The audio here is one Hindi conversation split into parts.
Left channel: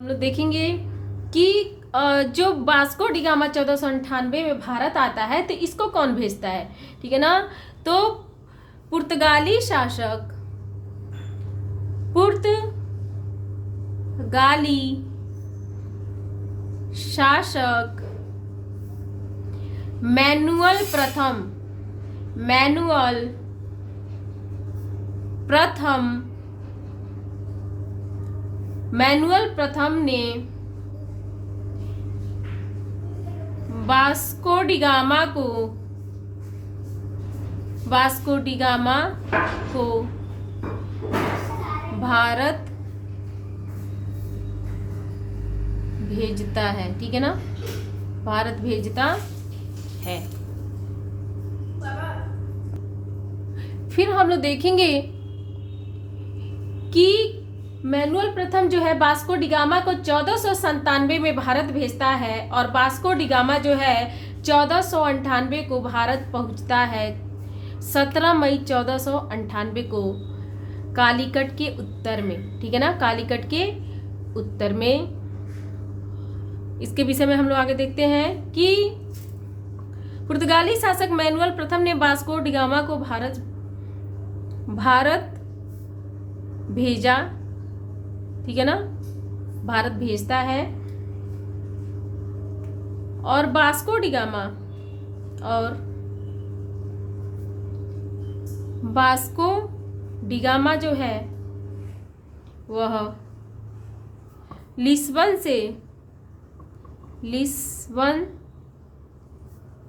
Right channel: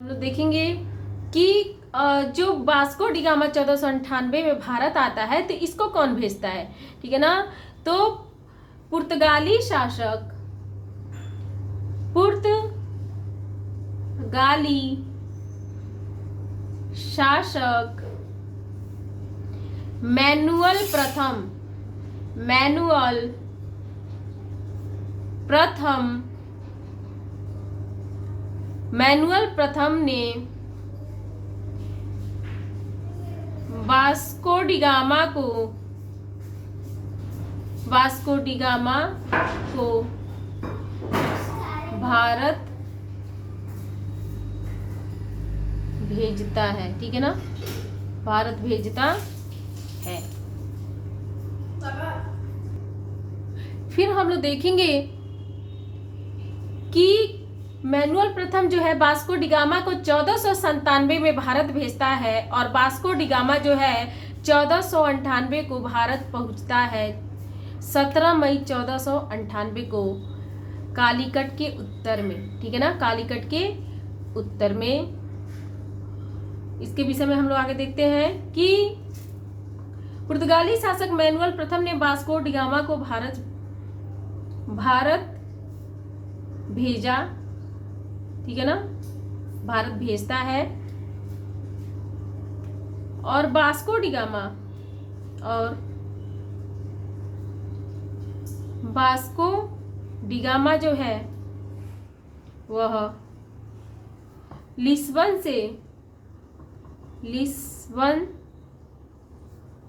हम लोग देखेंगे कि जो वास्को डी गामा 1498 में भारत आता है तो इसको कौन भेजता है। ठीक है ना। तो पुर्तगाली शासक मैनुअल प्रथम ने वास्को डी गामा को भारत भेजता है। ठीक है ना, भारत भेजता है। फिर हम लोग देखेंगे कि मैनुअल प्रथम जो है वास्को डी गामा को 1497 में भारत भेजता है और वास्को डी गामा जो है 1498 को भारत पहुंचता है। 17 मई 1498 को कालीकट के उत्तर में। ठीक है ना, कालीकट के उत्तर में। इसके विषय में हम लोग आगे देखते हैं कि पुर्तगाली शासक मैनुअल प्रथम ने वास्को डी गामा को भारत भेजा। ठीक है ना, भारत भेजता है और वास्को डी गामा जो है वह लिस्बन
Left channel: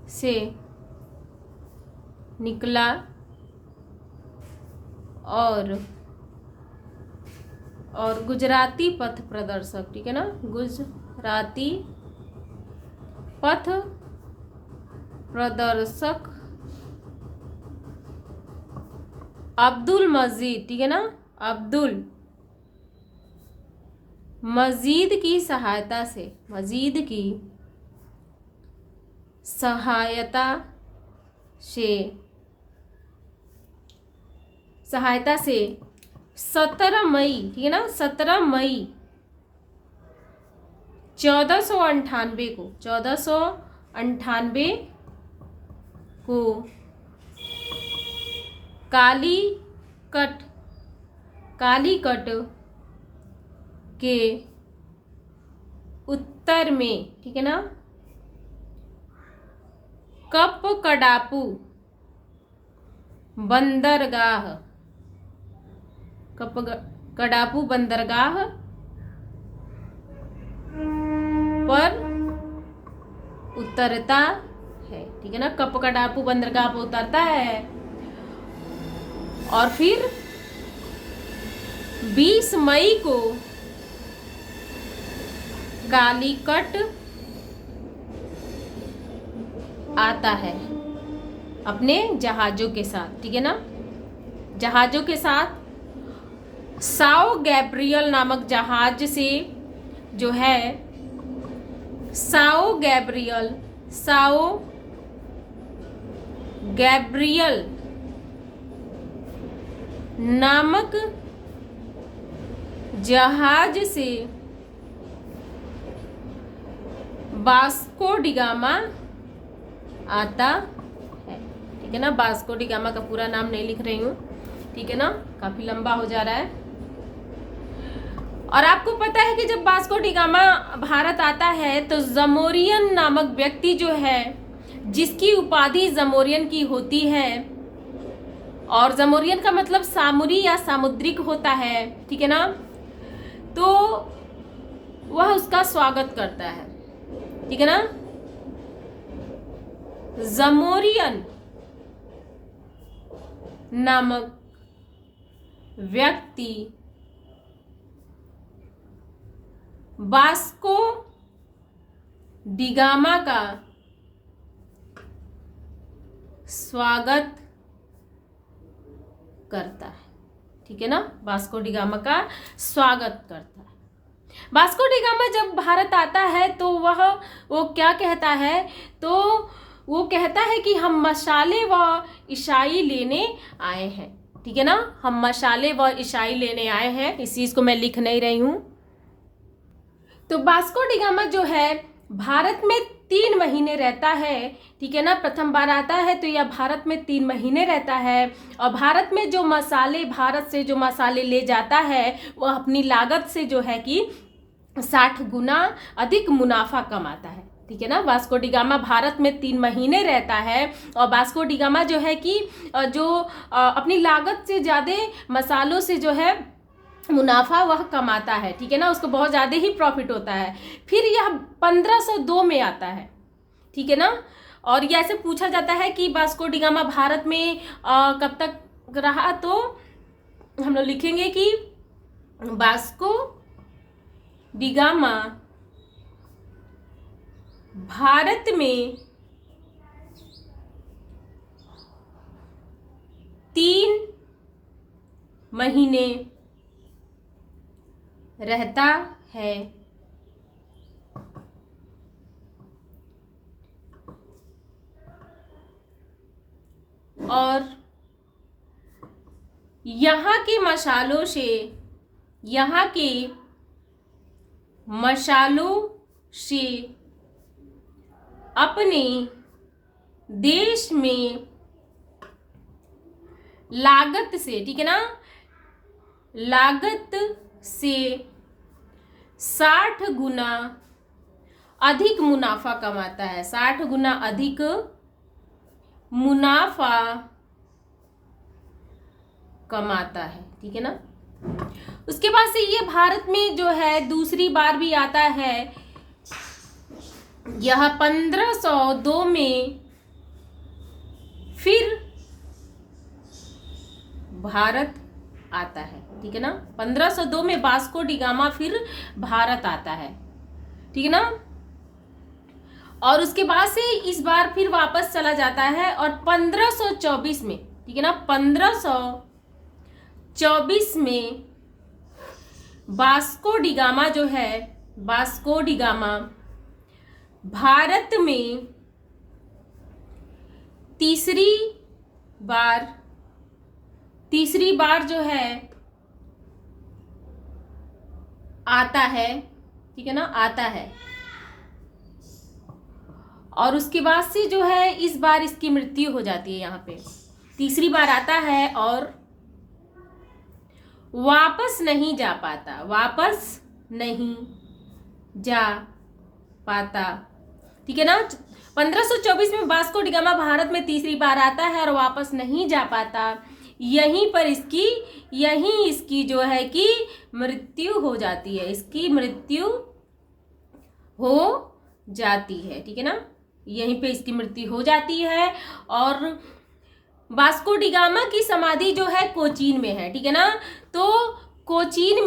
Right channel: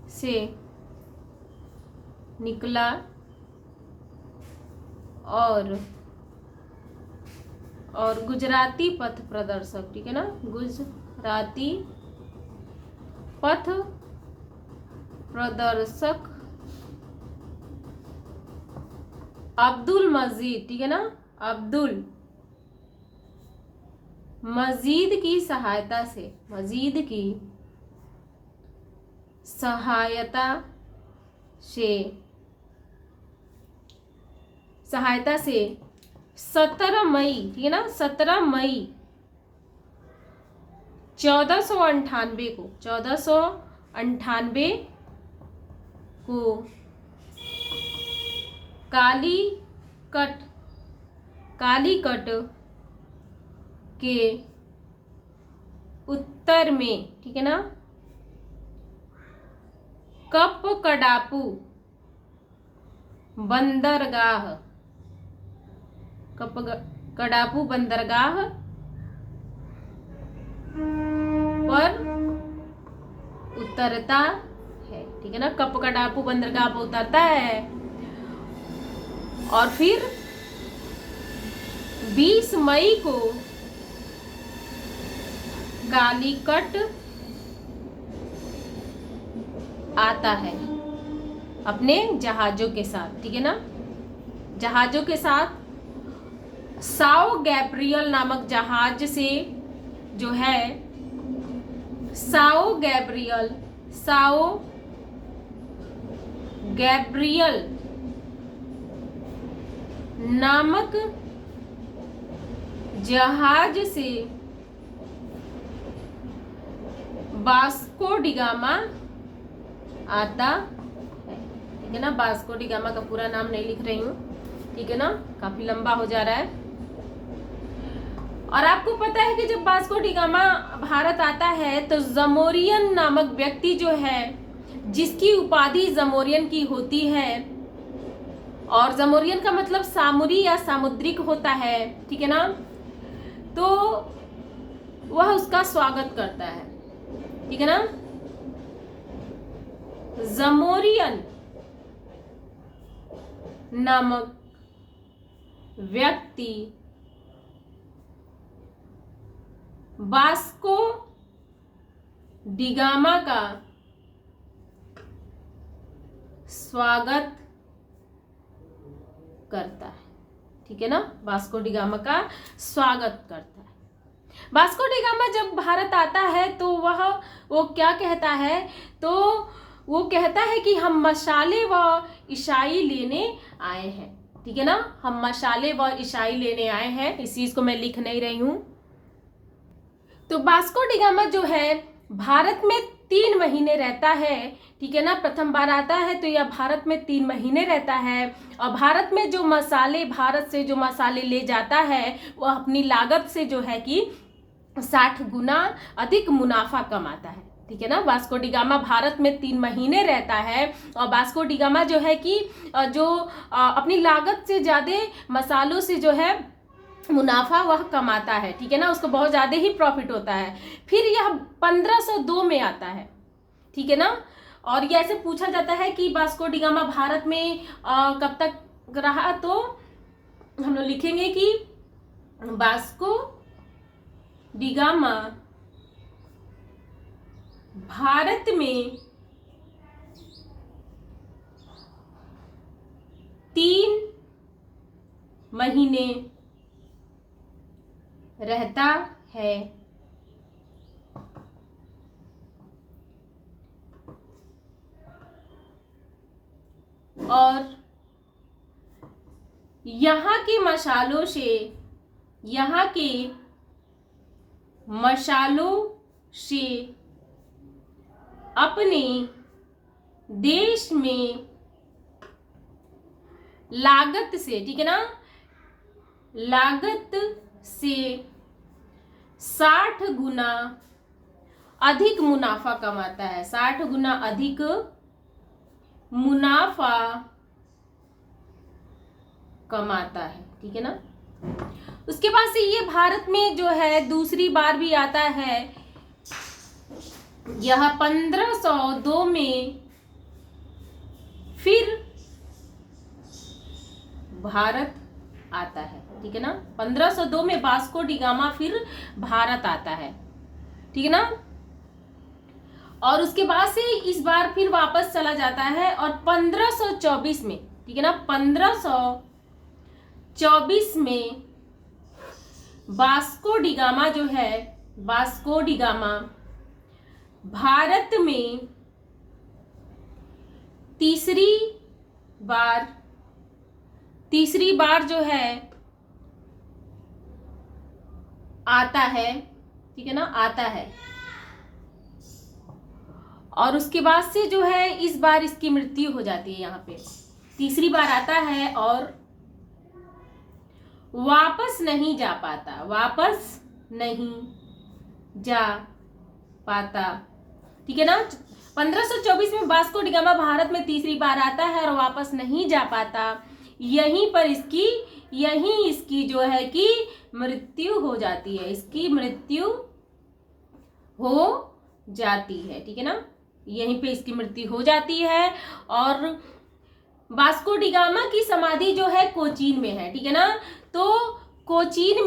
से निकला और गुजराती पथ प्रदर्शक। ठीक है ना, गुजराती पथ प्रदर्शक अब्दुल मजीद। ठीक है ना, अब्दुल मजीद की सहायता से 17 मई। ठीक है ना, 17 मई 1498 को कालीकट के उत्तर में। ठीक है ना, कपकडापू बंदरगाह पर उतरता है। ठीक है ना, कपकडापू बंदरगाह पर उतरता है और फिर 20 मई को कालीकट आता है अपने जहाजों के साथ। ठीक है ना, जहाजों के साथ साओ गैब्रियल नामक जहाज से जो है साओ गैब्रियल नामक जहाज से वास्को डी गामा आता है। ठीक है ना, वास्को डी गामा का पूरा नाम नहीं लिख रही हूँ। ठीक है ना, काफी लंबा हो जा रहा है। और आपको पता है कि जब वास्को डी गामा भारत आता है तो जमोरियन नामक व्यक्ति जो है, जिसकी उपाधि जमोरियन की होती है, और जमोरियन का मतलब सामुरी या सामुद्रिक होता है। ठीक है ना, तो वह उसका स्वागत करता है। ठीक है ना, जमोरियन नामक व्यक्ति वास्को डी गामा का स्वागत करता है। ठीक है ना, वास्को डी गामा का स्वागत करता है। वास्को डी गामा जब भारत आता है तो वो क्या कहता है, तो वो कहता है कि हम मसाले व ईसाई लेने आए हैं। ठीक है ना, हम मसाले व ईसाई लेने आए हैं। इस चीज को मैं लिख नहीं रही हूं। तो वास्को डी गामा जो है भारत में 3 महीने रहता है, ठीक है ना। प्रथम बार आता है तो यह भारत में 3 महीने रहता है और भारत में जो मसाले, भारत से जो मसाले ले जाता है वह अपनी लागत से जो है कि 60 गुना अधिक मुनाफा कमाता है, ठीक है ना। वास्को डी गामा भारत में 3 महीने रहता है और वास्को डी गामा जो है कि जो अपनी लागत से ज़्यादा मसालों से जो है मुनाफा वह कमाता है, ठीक है ना। उसको बहुत ज़्यादा ही प्रॉफिट होता है। फिर यह 1502 में आता है, ठीक है ना। और ये ऐसे पूछा जाता है कि वास्को डी गामा भारत में कब तक रहा, तो हम लोग लिखेंगे कि वास्को डी गामा भारत में 3 महीने रहता है और यहाँ के मसालों से अपने देश में लागत से, ठीक है ना, लागत से 60 गुना अधिक मुनाफा कमाता है, 60 गुना अधिक मुनाफा कमाता है, ठीक है ना। उसके बाद से ये भारत में जो है दूसरी बार भी आता है। यह 1502 में फिर भारत आता है, ठीक है ना। 1502 में वास्को डी गामा फिर भारत आता है, ठीक है ना। और उसके बाद से इस बार फिर वापस चला जाता है और 1524 में, ठीक है ना, 1524 में वास्को डी गामा जो है, वास्को डी गामा भारत में तीसरी बार जो है आता है, ठीक है ना, आता है। और उसके बाद से जो है इस बार इसकी मृत्यु हो जाती है। यहाँ पे तीसरी बार आता है और वापस नहीं जा पाता, ठीक है ना। 1524 में वास्को डी गामा भारत में तीसरी बार आता है और वापस नहीं जा पाता। यहीं इसकी जो है कि मृत्यु हो जाती है, इसकी मृत्यु हो जाती है, ठीक है ना। यहीं पे इसकी मृत्यु हो जाती है। और वास्को डी गामा की समाधि जो है कोचीन में है, ठीक है ना। तो कोचीन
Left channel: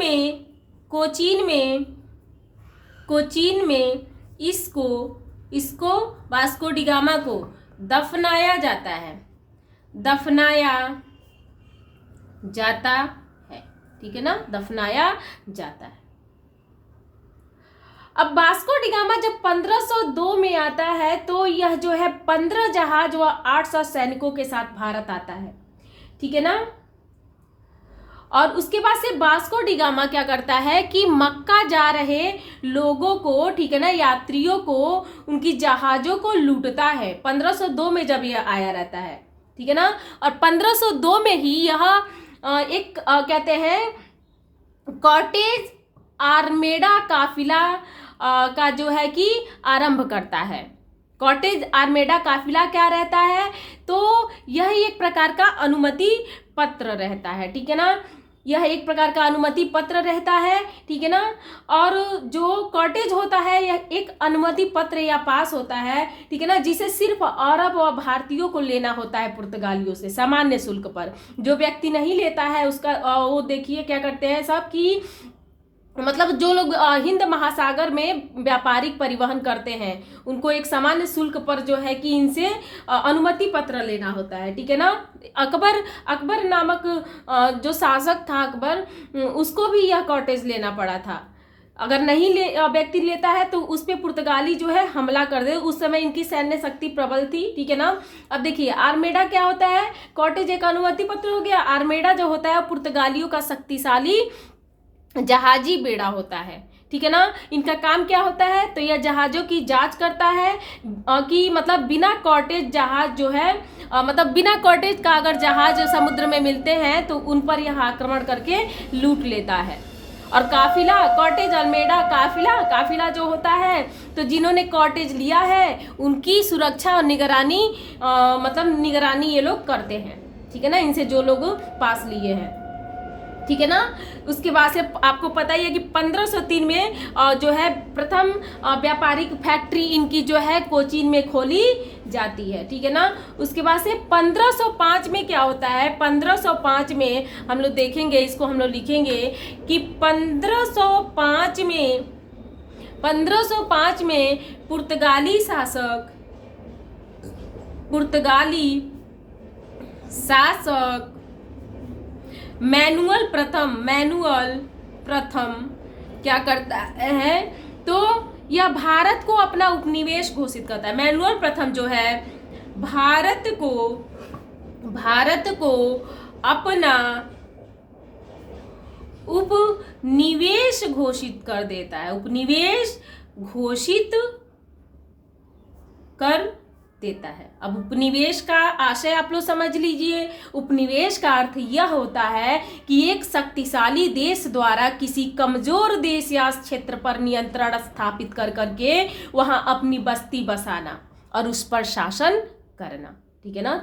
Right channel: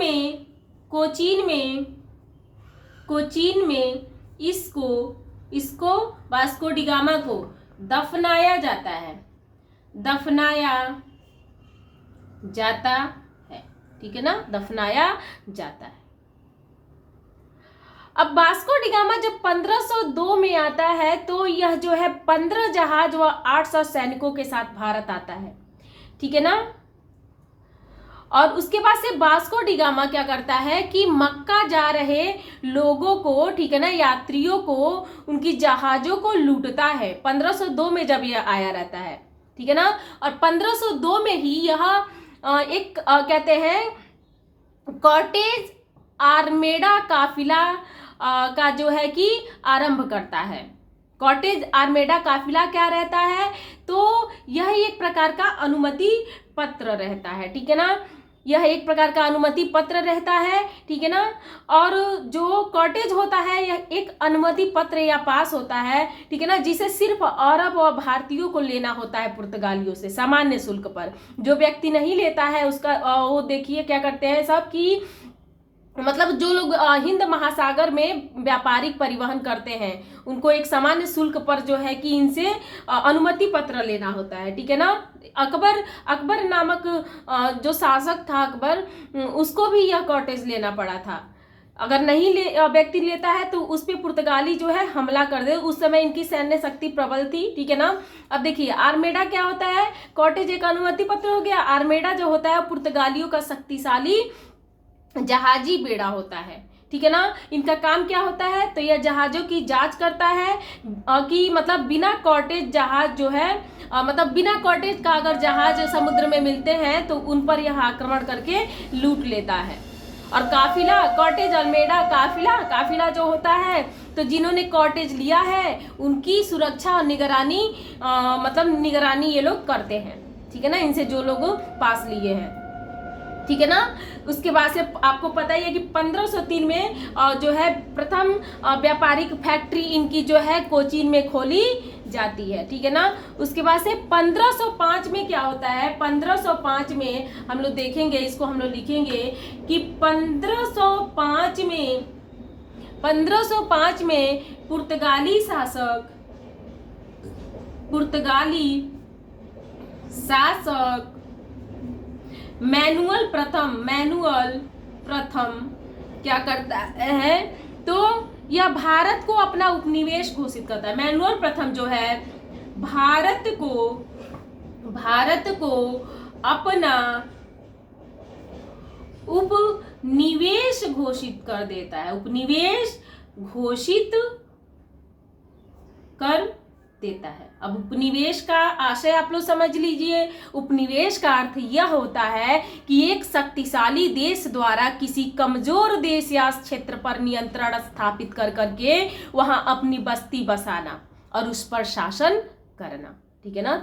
में इसको वास्को डी गामा को दफनाया जाता है, ठीक है ना, दफनाया जाता है। अब वास्को डी गामा जब 1502 में आता है तो यह जो है 15 जहाज व 800 सैनिकों के साथ भारत आता है, ठीक है ना। और उसके बाद से वास्को डी गामा क्या करता है कि मक्का जा रहे लोगों को, ठीक है ना, यात्रियों को, उनकी जहाजों को लूटता है। 1502 में जब यह आया रहता है, ठीक है ना। और 1502 में ही यह एक कहते हैं कॉर्टेज आर्मेडा काफिला का जो है कि आरंभ करता है। कॉर्टेज आर्मेडा काफिला क्या रहता है, तो यह एक प्रकार का अनुमति पत्र रहता है, ठीक है ना। यह एक प्रकार का अनुमति पत्र रहता है, ठीक है ना। और जो कॉर्टेज होता है यह एक अनुमति पत्र या पास होता है, ठीक है ना, जिसे सिर्फ अरब और भारतीयों को लेना होता है पुर्तगालियों से सामान्य शुल्क पर। जो व्यक्ति नहीं लेता है उसका वो देखिए क्या करते हैं सब कि मतलब जो लोग हिंद महासागर में व्यापारिक परिवहन करते हैं उनको एक सामान्य शुल्क पर जो है कि इनसे अनुमति पत्र लेना होता है, ठीक है ना। अकबर नामक जो शासक था अकबर, उसको भी यह कॉर्टेज लेना पड़ा था। अगर नहीं व्यक्ति लेता है तो उस पर पुर्तगाली जो है हमला कर दे। उस समय इनकी सैन्य शक्ति प्रबल थी, ठीक है ना। अब देखिए आर्मेडा क्या होता है, कॉर्टेज एक अनुमति पत्र हो गया। आर्मेडा जो होता है पुर्तगालियों का शक्तिशाली जहाजी बेड़ा होता है, ठीक है ना। इनका काम क्या होता है, तो यह जहाजों की जांच करता है कि मतलब बिना कॉटेज जहाज जो है मतलब बिना कॉटेज का अगर जहाज समुद्र में मिलते हैं तो उन पर यह आक्रमण करके लूट लेता है। और काफिला, कॉटेज अल्मेडा काफिला जो होता है, तो जिन्होंने कॉटेज लिया है उनकी सुरक्षा और निगरानी मतलब निगरानी ये लोग करते हैं, ठीक है ना, इनसे जो लोग पास लिए हैं, ठीक है ना। उसके बाद से आपको पता ही है कि 1503 में जो है प्रथम व्यापारिक फैक्ट्री इनकी जो है कोचीन में खोली जाती है, ठीक है ना। उसके बाद से 1505 में क्या होता है, 1505 में हम लोग देखेंगे, इसको हम लोग लिखेंगे कि 1505 में पुर्तगाली शासक मैनुअल प्रथम क्या करता है, तो यह भारत को अपना उपनिवेश घोषित करता है। मैनुअल प्रथम जो है भारत को अपना उपनिवेश घोषित कर देता है, उपनिवेश घोषित कर देता है। अब उपनिवेश का आशय आप लोग समझ लीजिए। उपनिवेश का अर्थ यह होता है कि एक शक्तिशाली देश द्वारा किसी कमजोर देश या क्षेत्र पर नियंत्रण स्थापित कर करके वहां अपनी बस्ती बसाना और उस पर शासन करना, ठीक है ना।